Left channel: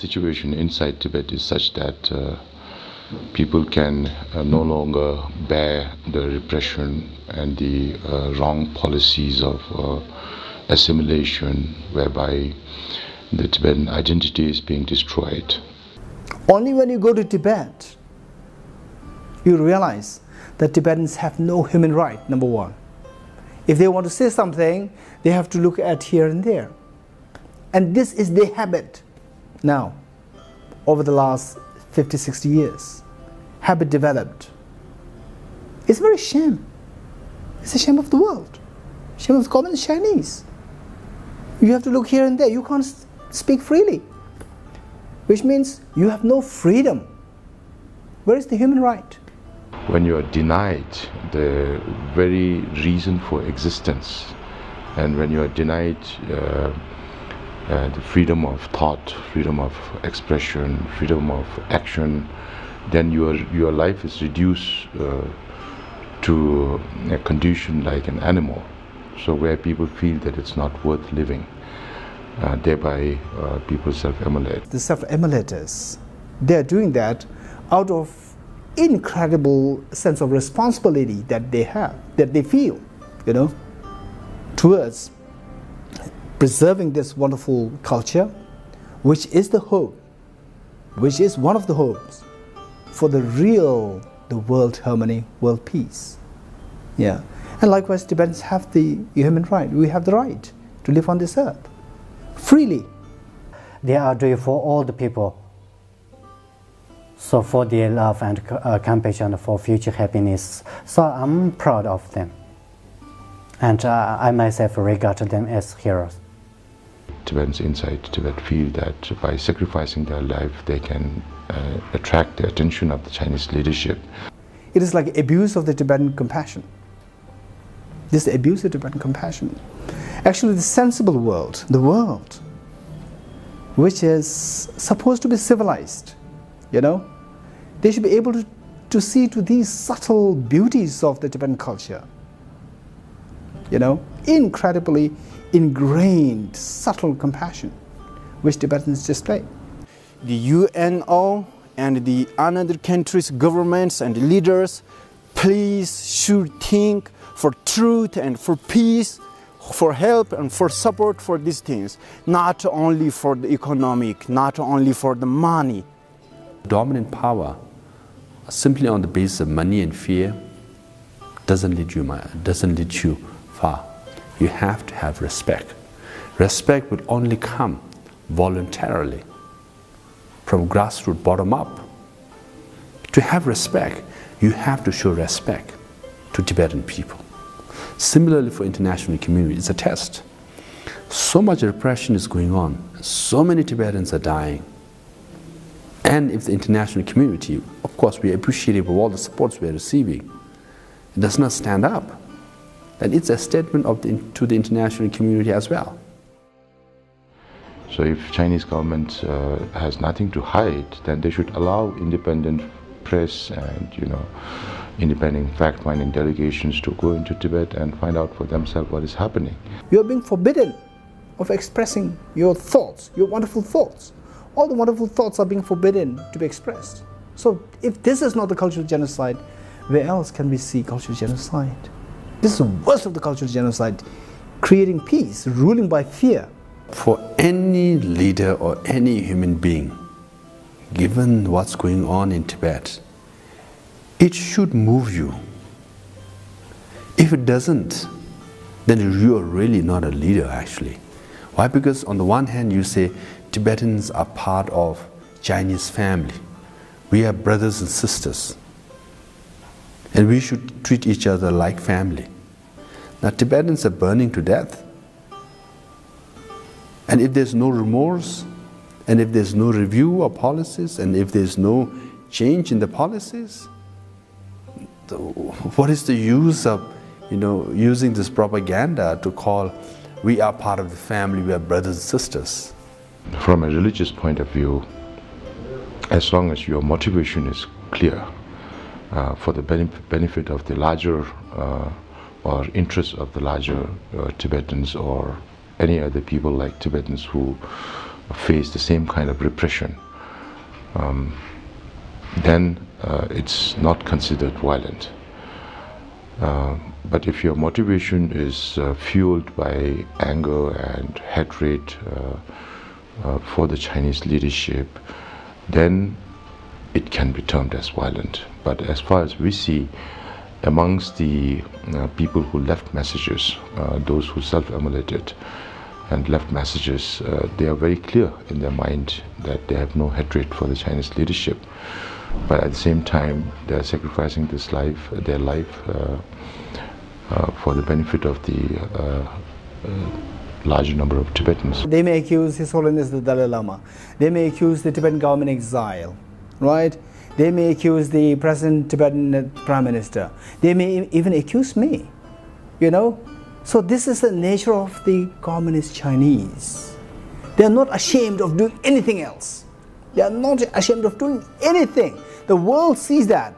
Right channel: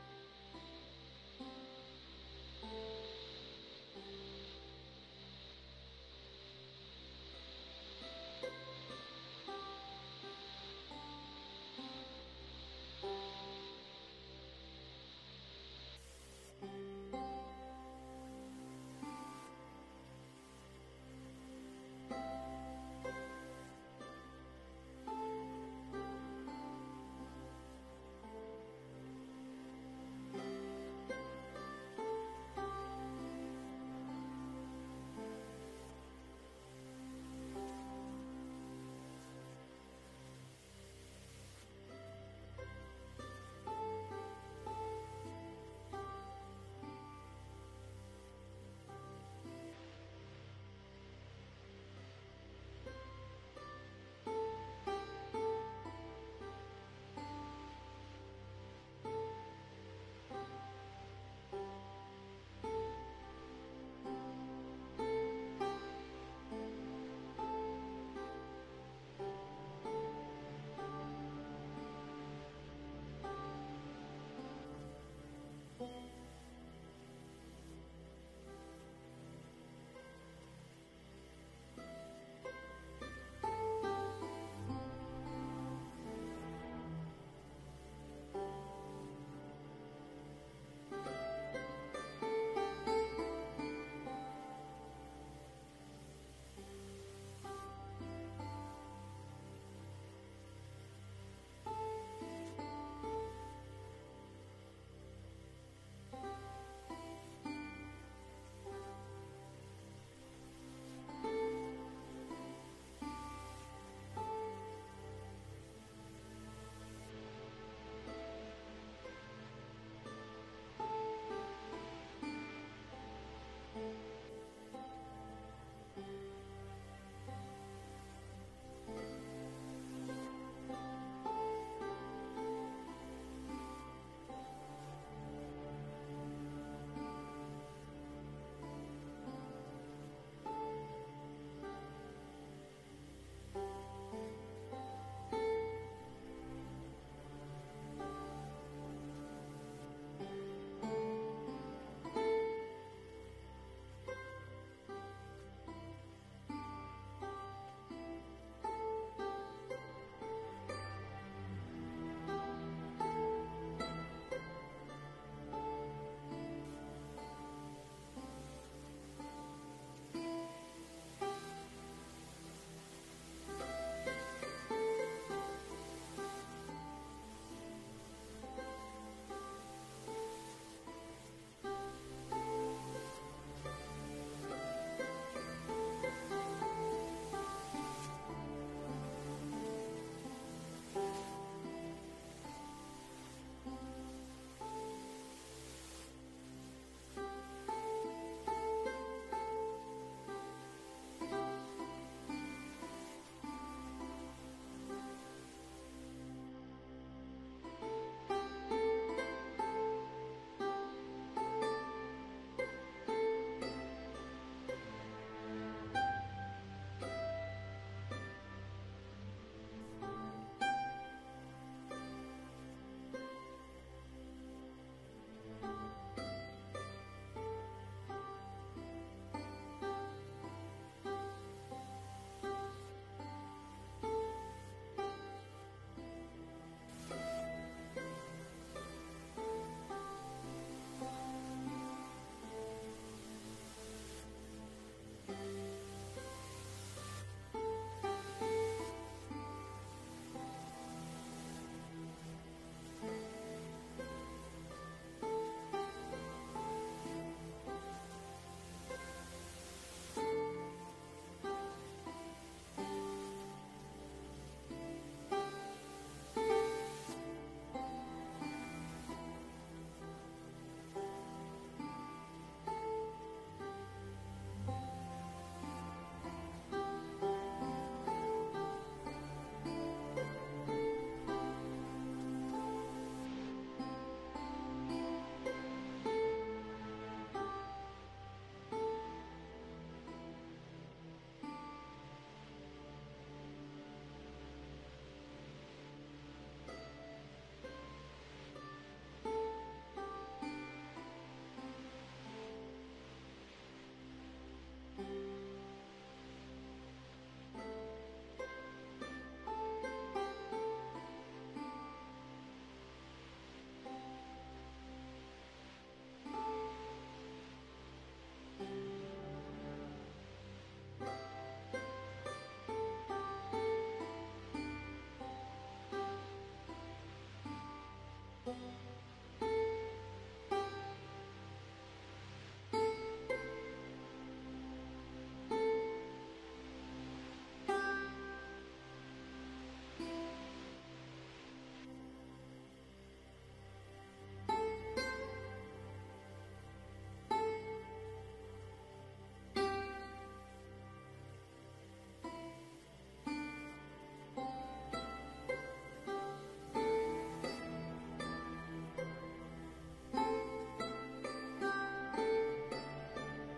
situation inside Tibet is such that people can no longer bear the repression and the wrong policies of assimilation, whereby the Tibetan identity is being destroyed. Only when you go to Tibet, you realize that Tibetans have no human right, number one. If they want to say something, they have to look at here and there. And this is their habit now, over the last 50, 60 years. Habit developed. It's a very shame. It's a shame of the world. Shame of the communist Chinese. You have to look here and there. You can't speak freely, which means you have no freedom. Where is the human right? When you are denied the very reason for existence, and when you are denied the freedom of thought, freedom of expression, freedom of action, then your life is reduced to a condition like an animal. So where people feel that it's not worth living, thereby people self-immolate. The self-immolators, they're doing that out of incredible sense of responsibility that they have, that they feel, you know, towards preserving this wonderful culture, which is the hope, which is one of the hopes for the world harmony, world peace. Yeah. And likewise, Tibetans have the human right. We have the right to live on this earth freely. They are doing for all the people. So for their love and compassion for future happiness. So I'm proud of them. And I myself regard them as heroes. Tibetans inside Tibet feel that by sacrificing their life, they can attract the attention of the Chinese leadership. It is like abuse of the Tibetan compassion. This abuse of Tibetan compassion. Actually, the sensible world, the world which is supposed to be civilized, you know, they should be able to see to these subtle beauties of the Tibetan culture. You know, incredibly ingrained, subtle compassion which Tibetans display. The UNO and the another countries' governments and leaders, please should think for truth and for peace, for help and for support for these things, not only for the economic, not only for the money. Dominant power, simply on the basis of money and fear, doesn't lead you far. You have to have respect. Respect will only come voluntarily, from grassroots bottom up. To have respect, you have to show respect to Tibetan people. Similarly for international community, it's a test. So much repression is going on, so many Tibetans are dying. And if the international community, of course we appreciate all the supports we are receiving, does not stand up, then it's a statement to the international community as well. So if Chinese government has nothing to hide, then they should allow independent press and, you know, independent fact-finding delegations to go into Tibet and find out for themselves what is happening. You are being forbidden of expressing your thoughts, your wonderful thoughts. All the wonderful thoughts are being forbidden to be expressed. So if this is not the cultural genocide, where else can we see cultural genocide? This is the worst of the cultural genocide, creating peace, ruling by fear. For any leader or any human being, given what's going on in Tibet, it should move you. If it doesn't, then you are really not a leader actually. Why? Because on the one hand you say Tibetans are part of Chinese family. We are brothers and sisters. And we should treat each other like family. Now Tibetans are burning to death. And if there's no remorse, and if there's no review of policies, and if there's no change in the policies, what is the use of, you know, using this propaganda to call we are part of the family, we are brothers and sisters? From a religious point of view, as long as your motivation is clear for the benefit of the larger or interests of the larger Tibetans or any other people like Tibetans who face the same kind of repression, then it's not considered violent. But if your motivation is fueled by anger and hatred for the Chinese leadership, then it can be termed as violent. But as far as we see, amongst the people who left messages, those who self-immolated and left messages, they are very clear in their mind that they have no hatred for the Chinese leadership. But at the same time, they are sacrificing their life for the benefit of the larger number of Tibetans. They may accuse His Holiness the Dalai Lama. They may accuse the Tibetan government exile, right? They may accuse the present Tibetan Prime Minister. They may even accuse me, you know? So this is the nature of the communist Chinese. They are not ashamed of doing anything else. They are not ashamed of doing anything. The world sees that,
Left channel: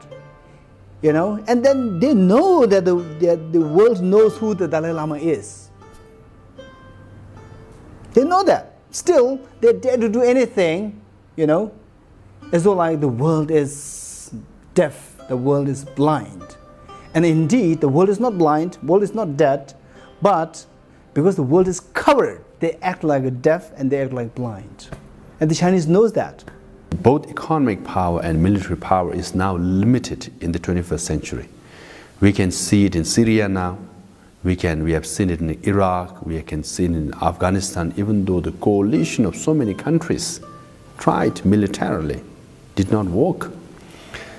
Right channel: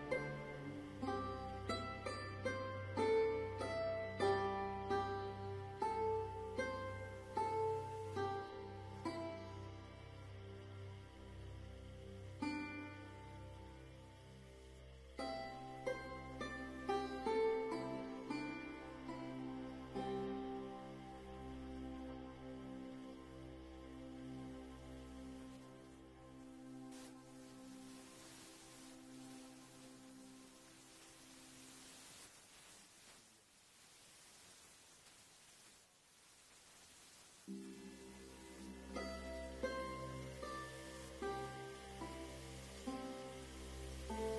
you know, and then they know that the world knows who the Dalai Lama is. They know that. Still, they dare to do anything, you know, as though like the world is deaf, the world is blind. And indeed, the world is not blind, the world is not dead, but because the world is covered, they act like a deaf and they act like blind. And the Chinese knows that. Both economic power and military power is now limited in the 21st century. We can see it in Syria now. We have seen it in Iraq. We can see it in Afghanistan, even though the coalition of so many countries tried militarily, did not work.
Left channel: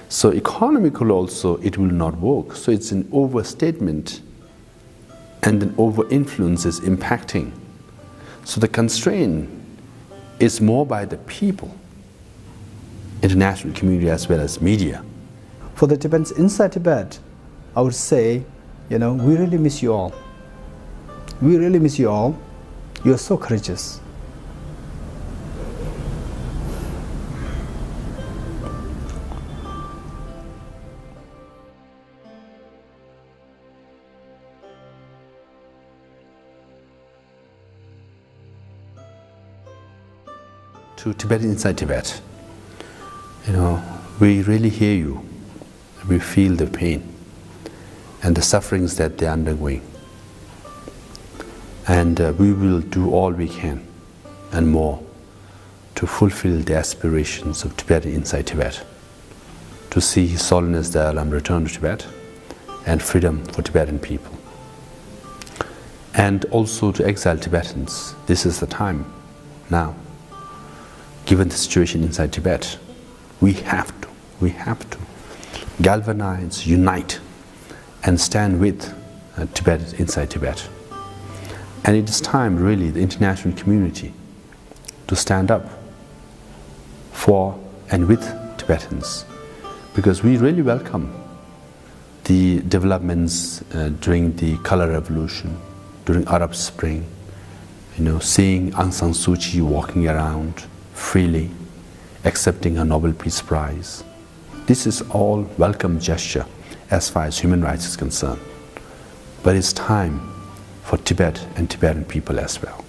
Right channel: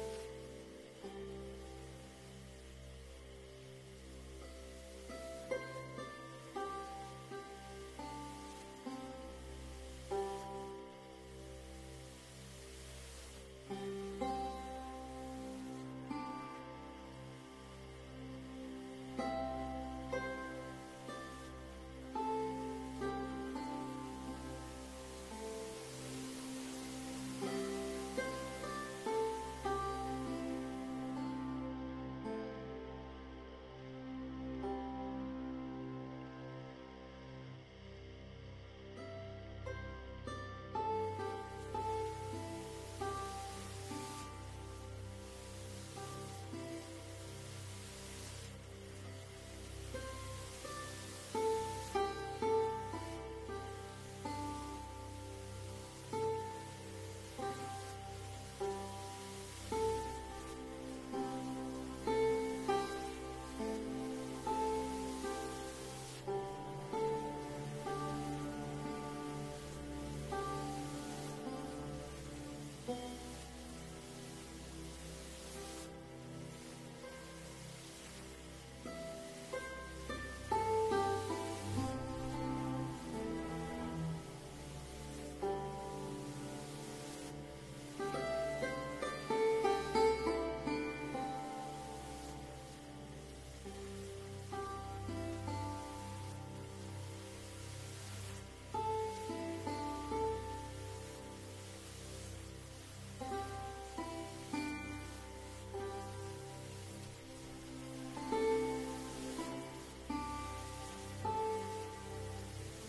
So economically also, it will not work. So it's an overstatement and an over-influence is impacting. So the constraint is more by the people, international community as well as media. For the Tibetans inside Tibet, I would say, you know, we really miss you all. We really miss you all. You are so courageous. To Tibetans inside Tibet, you know, we really hear you. We feel the pain and the sufferings that they're undergoing. And we will do all we can and more to fulfill the aspirations of Tibetans inside Tibet, to see His Holiness the Dalai Lama return to Tibet and freedom for Tibetan people. And also to exile Tibetans. This is the time now. Given the situation inside Tibet, we have to galvanize, unite, and stand with Tibetans inside Tibet. And it is time, really, the international community to stand up for and with Tibetans, because we really welcome the developments during the Color Revolution, during Arab Spring, you know, seeing Aung San Suu Kyi walking around freely, accepting a Nobel Peace Prize. This is all welcome gesture as far as human rights is concerned. But it's time for Tibet and Tibetan people as well.